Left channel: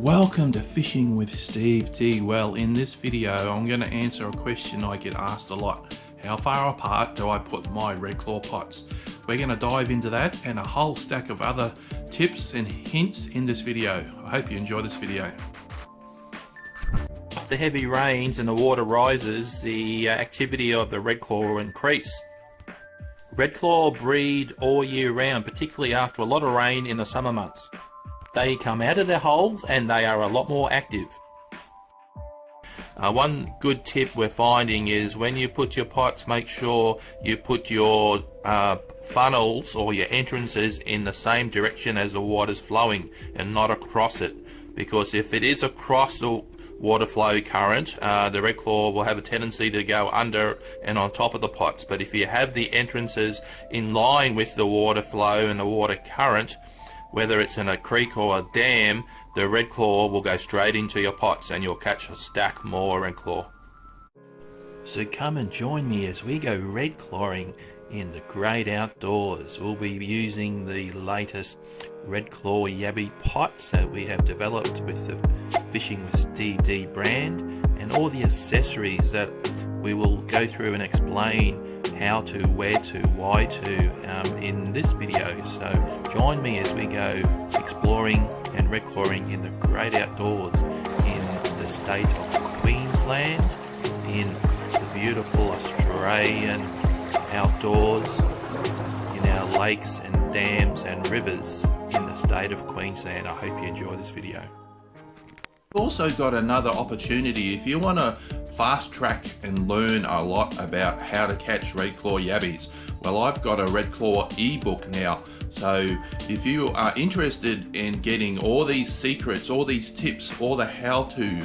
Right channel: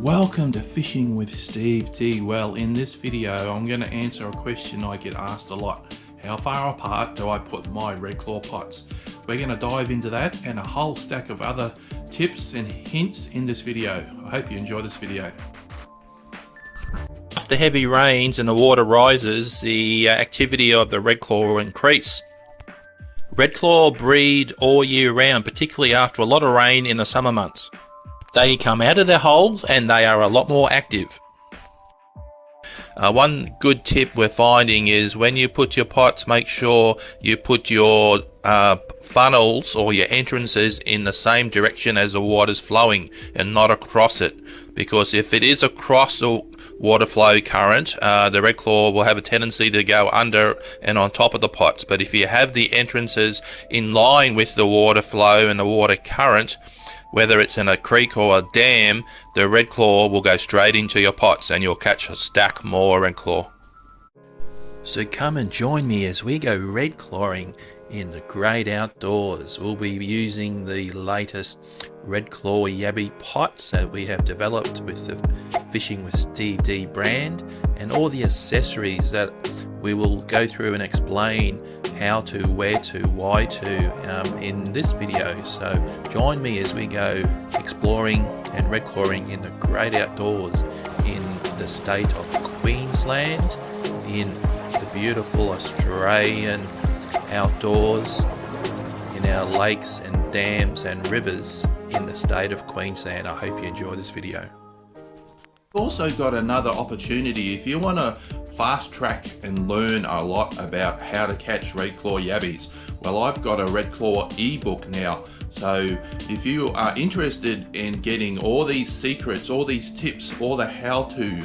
Welcome to Fishing with Steve D. Well, in this video I'm going to answer a question I get asked a lot. How far apart do I put my red claw pots? We're going to dive into that and a whole stack of other tips and hints in this video. I hope you enjoy this video. After heavy rains and the water rises, the activity of the red claw will increase. Red claw breed all year round, particularly after a lot of rain in the summer months. They come out of their holes and they are a lot more active. One good tip we're finding is when you put your pots, make sure you put your funnels or your entrances in the same direction as the water's flowing and not across it, because if it is across the water flow current, the red claw will have a tendency to go under and on top of the pots. But if you have the entrances in line with the water flow and the water current, whether it's in a creek or a dam, the red claw will go straight into your pots and you'll catch a stack more red claw. So come and join me as we go red clawing in the great outdoors. We'll be using the latest red claw yabby pots that we have developed with the Fishing with Steve D brand, and all the accessories that we will go through and explain how to, where to, why to in this video. So join me as we go exploring and red clawing in the great outdoors in the state of Queensland, in the beautiful Australian outdoors, in our lakes and dams and rivers in the state of Queensland. I hope you enjoy this video. Also got another opportunity if you want to fast track and learn a lot about how to catch red claw yabbies. Well, I've got a red claw ebook now, so if you are interested in getting all these secrets, all these tips, all the how to,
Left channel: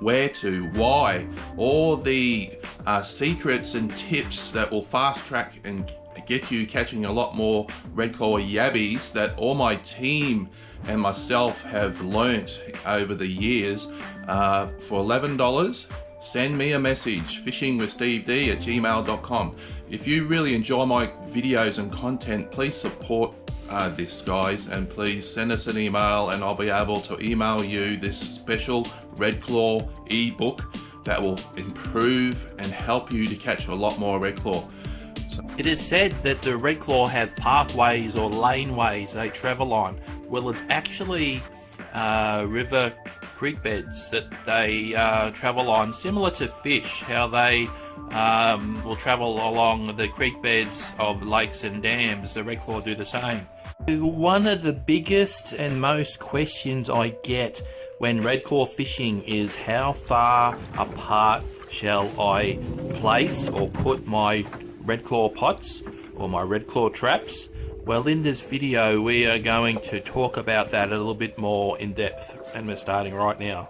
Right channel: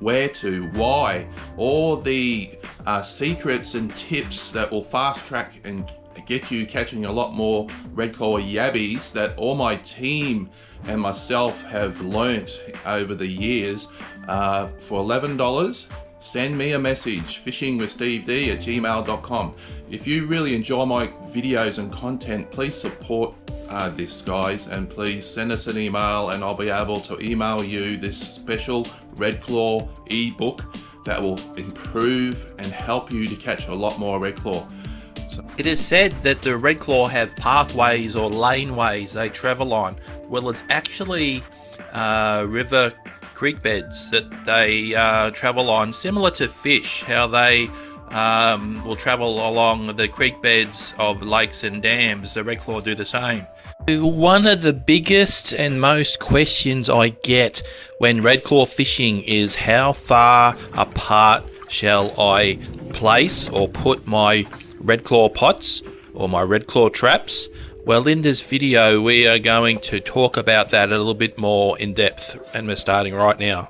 where to, why, all the secrets and tips that will fast track and get you catching a lot more red claw yabbies that all my team and myself have learnt over the years, for $11, send me a message, fishingwithsteved@gmail.com. If you really enjoy my videos and content, please support this, guys, and please send us an email and I'll be able to email you this special red claw ebook that will improve and help you to catch a lot more red claw. It is said that the red claw have pathways or laneways they travel on. Well, it's actually river creek beds that they travel on, similar to fish, how they will travel along the creek beds of lakes and dams. The red claw do the same. One of the biggest and most questions I get when red claw fishing is how far apart shall I place or put my red claw pots or my red claw traps. Well, in this video we are going to talk about that a little bit more in depth, and we're starting right now.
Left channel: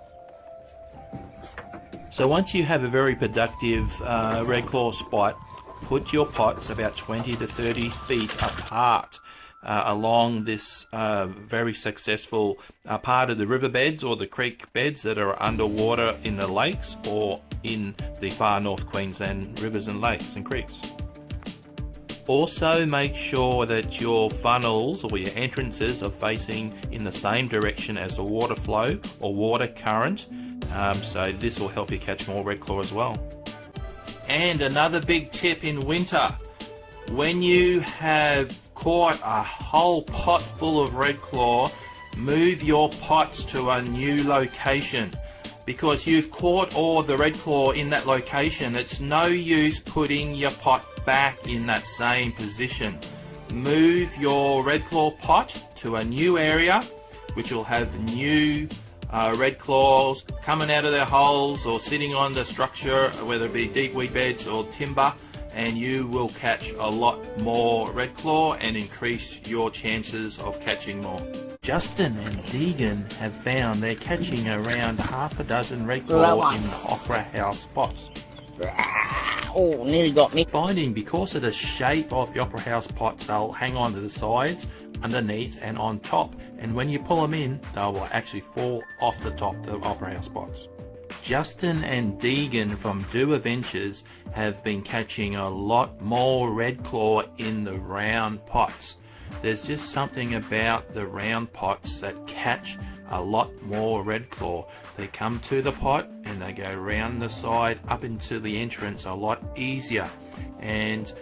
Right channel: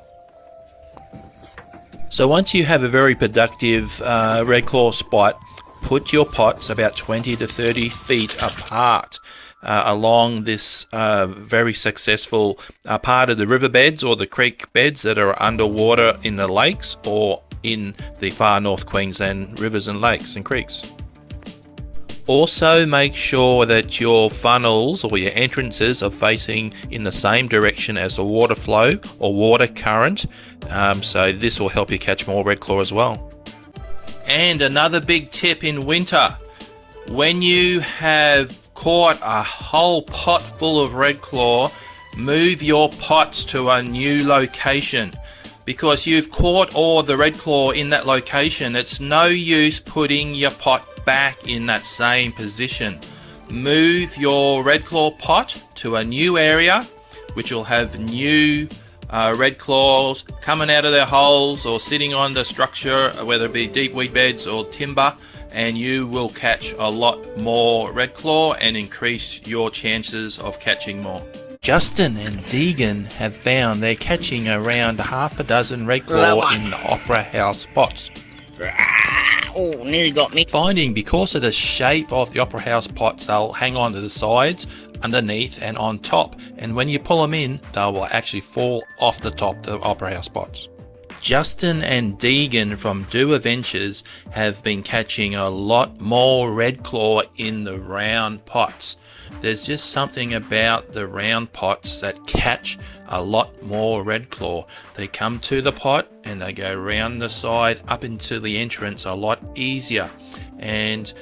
So once you have a very productive red claw spot, put your pots about 20 to 30 feet apart along this very successful part of the riverbeds or the creek beds that are underwater in the lakes or in the far north Queensland rivers and lakes and creeks. Also make sure that your funnels or your entrances are facing in the same direction as the water flow or water current, so this will help you catch more red claw as well. And another big tip in winter, when you have caught a whole pot full of red claw, move your pots to a new location. Because you've caught all the red claw in that location, it's no use putting your pot back in that same position. Move your red claw pot to a new area, which will have new red claws coming out of their holes or sitting on the structure, whether it be deep weed beds or timber, and you will catch a lot more red claw and increase your chances of catching more. Justin and Deegan have found they're catching around half a dozen red claw in the Opera House spots. Oh, nearly got me. Finding because of the shape of the Opera House pots, they'll hang on to the sides, underneath and on top, and when you pull them in, they will actually fall off the top of the Opera House pots. Justin and Deegan from Do Adventures have been catching a lot more red claw in the round pots. there's just something about the round pots that catch a lot more red claw. They come to the pot and they go round the side up into the entrance a lot easier, and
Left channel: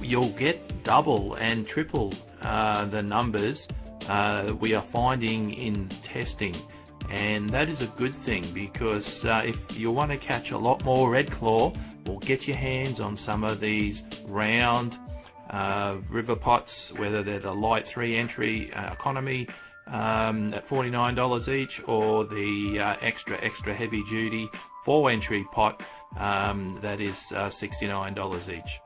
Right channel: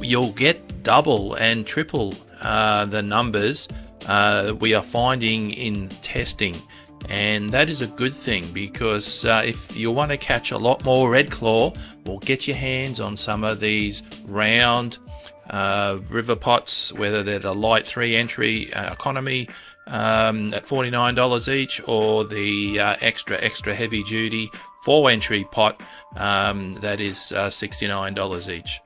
you'll get double and triple the numbers we are finding in testing. And that is a good thing, because if you want to catch a lot more red claw, well, get your hands on some of these round river pots, whether they're the light 3-entry economy at $49 each, or the extra heavy duty 4-entry pot that is $69 each.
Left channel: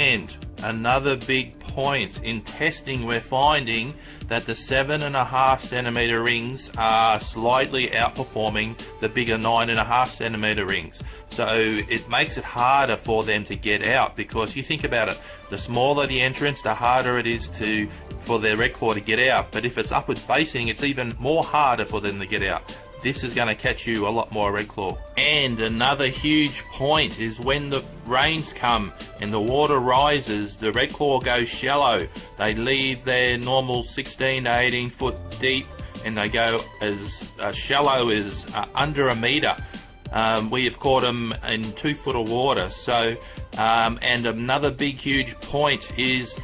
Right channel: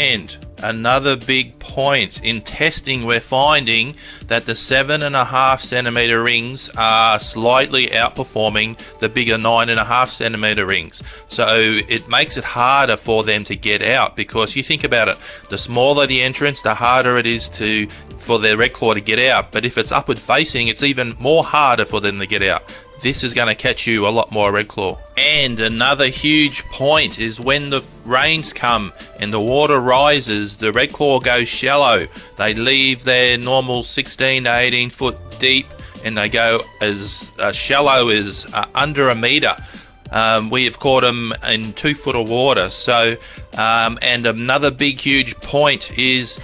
And another big point in testing, we're finding that the 7.5 centimeter rings are slightly outperforming the bigger 9.5 centimeter rings. So it makes it harder for them to get out, because you think about it, the smaller the entrance, the harder it is for their red claw to get out. But if it's upward facing, it's even more harder for them to get out. This is going to catch you a lot more red claw. And another huge point is when the rains come and the water rises, the red claw goes shallow. They leave their normal 16 to 18 foot deep, and they go as shallow as under a meter. We have caught them in 2 foot of water. So, and another big huge point is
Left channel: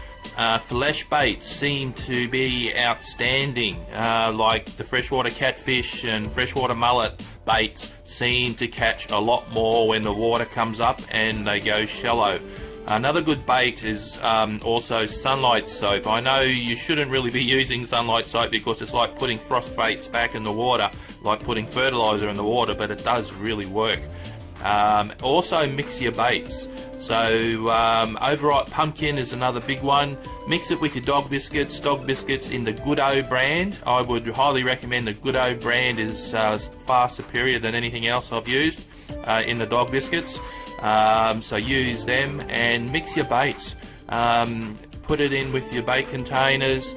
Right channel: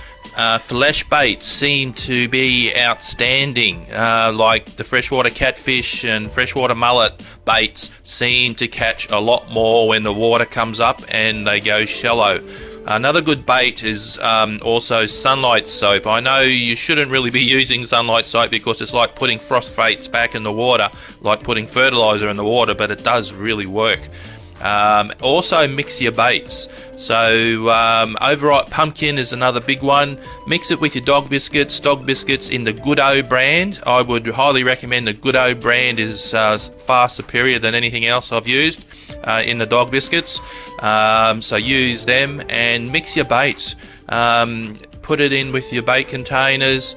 flesh baits seem to be outstanding, like the freshwater catfish and freshwater mullet baits seem to catch a lot more when the water comes up and they go shallow. Another good bait is also sunlight soap. I know you shouldn't really be using sunlight soap because it's like putting phosphates back in the water, like putting fertilizer in the water, but it does really work. Also mix your baits. So overripe pumpkin is another big one. Mix it with your dog biscuits. Dog biscuits in the Good-O brand. I would highly recommend the Good-O brand is far superior than anything else I've used in the dog biscuits. So use them and mix your baits. Put it in with your bait containers.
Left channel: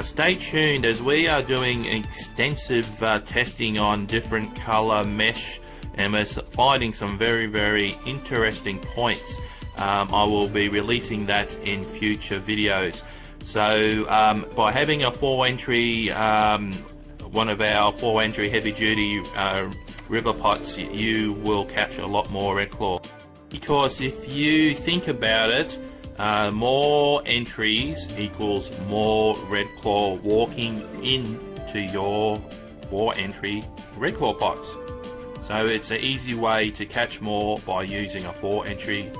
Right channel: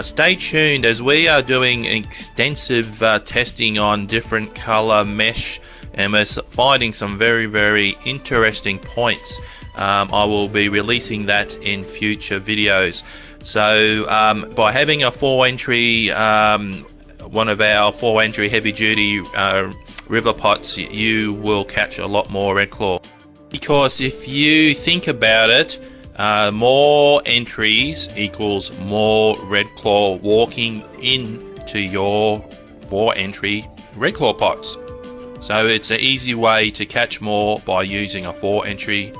Stay tuned as we are doing extensive testing on different color mesh, and we're finding some very interesting points. I will be releasing that in future videos. So by having a 4-entry, one of our 4-entry heavy duty river pots, you will catch a lot more red claw. Because if you think about it, more entries equals more red claw walking into your 4-entry red claw pots. So it's an easy way to catch more by using a 4-entry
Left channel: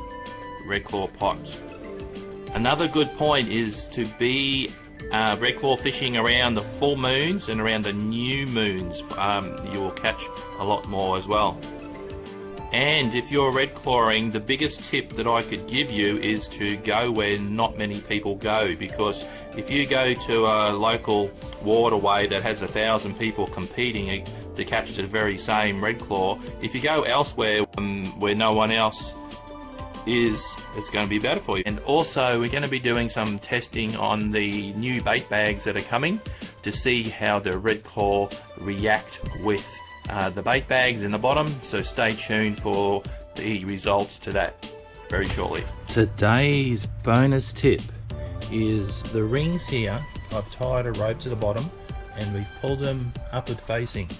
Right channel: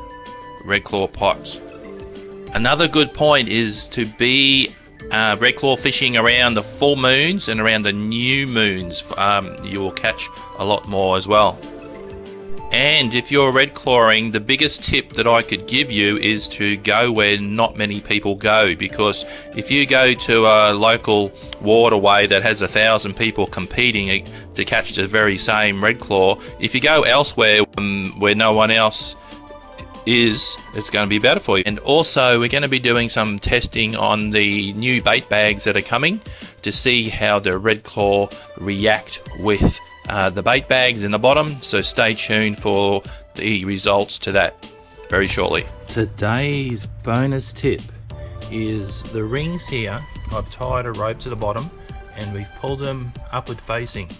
red claw pot. Another good point is to be red claw fishing around the full moons and around the new moons. You will catch a lot more as well. And if you're red clawing, the biggest tip that I could give you is to go where not many people go, because if you go to a local waterway that has 1,000 people competing to catch the very same red claw, if you go elsewhere where no one else is, it's going to be better for you. And also we're going to be doing some testing on the new bait bags that are coming to see how the red claw react with the bait bags in the bottom. So stay tuned for the results to that very shortly. Today's bonus tip is the rings here. I've tied a rope to the bottom and we've pulled them upward facing.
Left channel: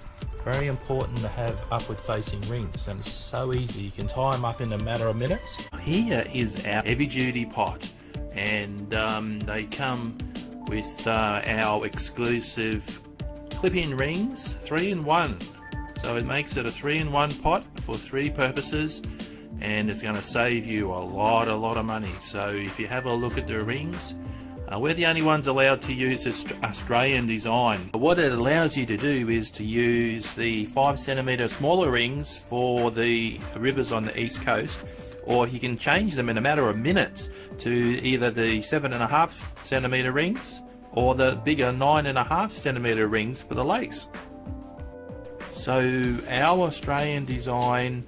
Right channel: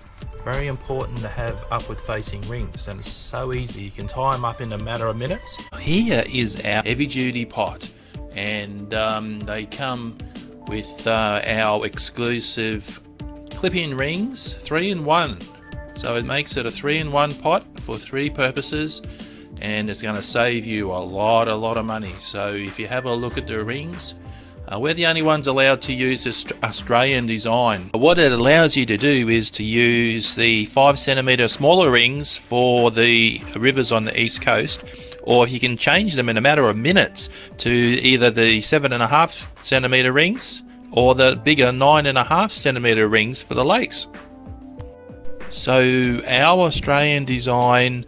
Very important to have upward facing rings, and it's so easy. You can tie them up in a matter of minutes. Here is our heavy duty pot, and they come with our exclusive clip-in rings, 3-in-1. So it makes it a 3-in-1 pot for 3 purposes, and it's going to save you a lot of money. So if you have a look at the rings, we're the only ones allowed to use this Australian design. What it allows you to do is to use the 5 centimeter smaller rings for the rivers on the east coast, or you can change them in a matter of minutes to either the 7.5 centimeter rings or the bigger 9.5 centimeter rings for the lakes. So our Australian design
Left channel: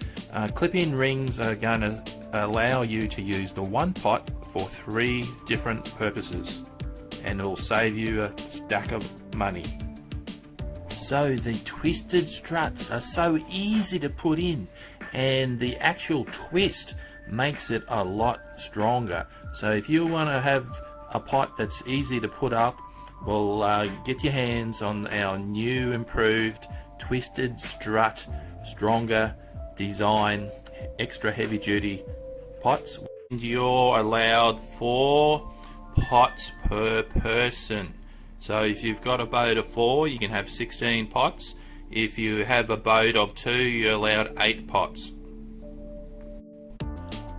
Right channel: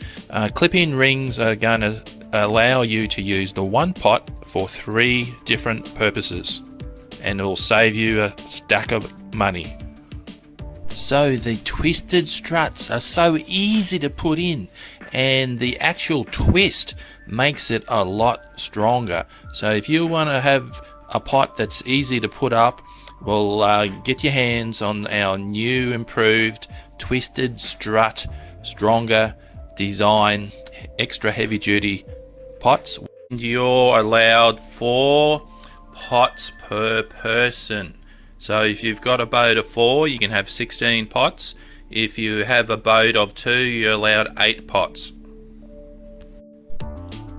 clip-in rings are going to allow you to use the one pot for 3 different purposes, and it will save you a stack of money. So the twisted struts are so easy to put in, and the actual twist makes it a lot stronger. So if you want to have a pot that's easy to put up, well, get your hands on our new improved twisted strut, stronger design, extra heavy duty pots. You're allowed 4 pots per person. So if you've got a boat of 4, you can have 16 pots. If you have a boat of 2, you're allowed 8 pots.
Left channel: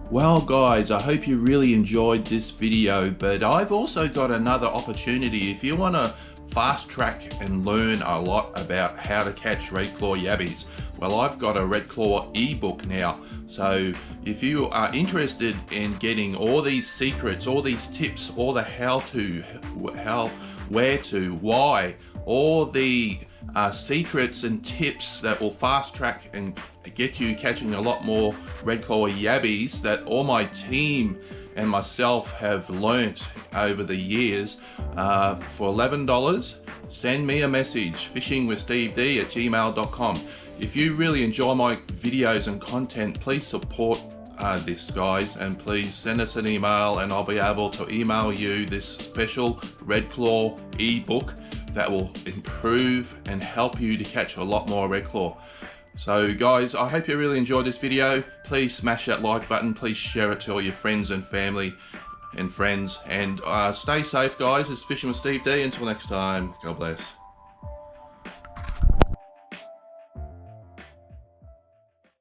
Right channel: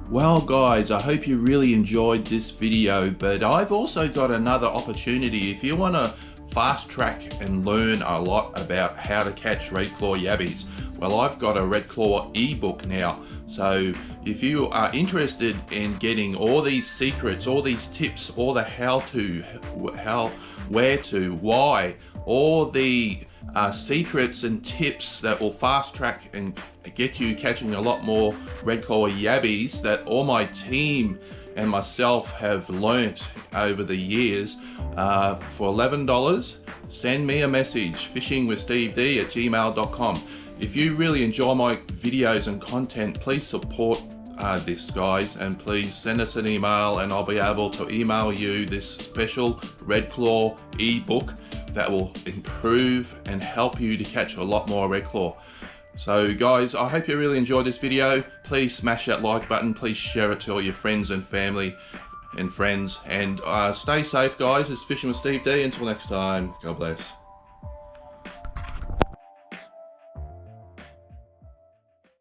Well guys, I hope you really enjoyed this video, but I've also got another opportunity. If you want to fast track and learn a lot about how to catch redclaw yabbies, well, I've got a redclaw ebook now. So if you are interested in getting all these secrets, all these tips, all the how to, where to, why, all the secrets and tips that will fast track and get you catching a lot more redclaw yabbies that all my team and myself have learnt over the years, for $11, send me a message, fishingwithsteved@gmail.com. If you really enjoy my videos and content, please support this, guys, and please send us an email and I'll be able to email you this special redclaw ebook that will improve and help you to catch a lot more redclaw. So guys, I hope you really enjoyed this video. Please smash that like button, please share it to all your friends and family and friends, and stay safe guys. It's Fishing with Steve D. Until next time, God bless.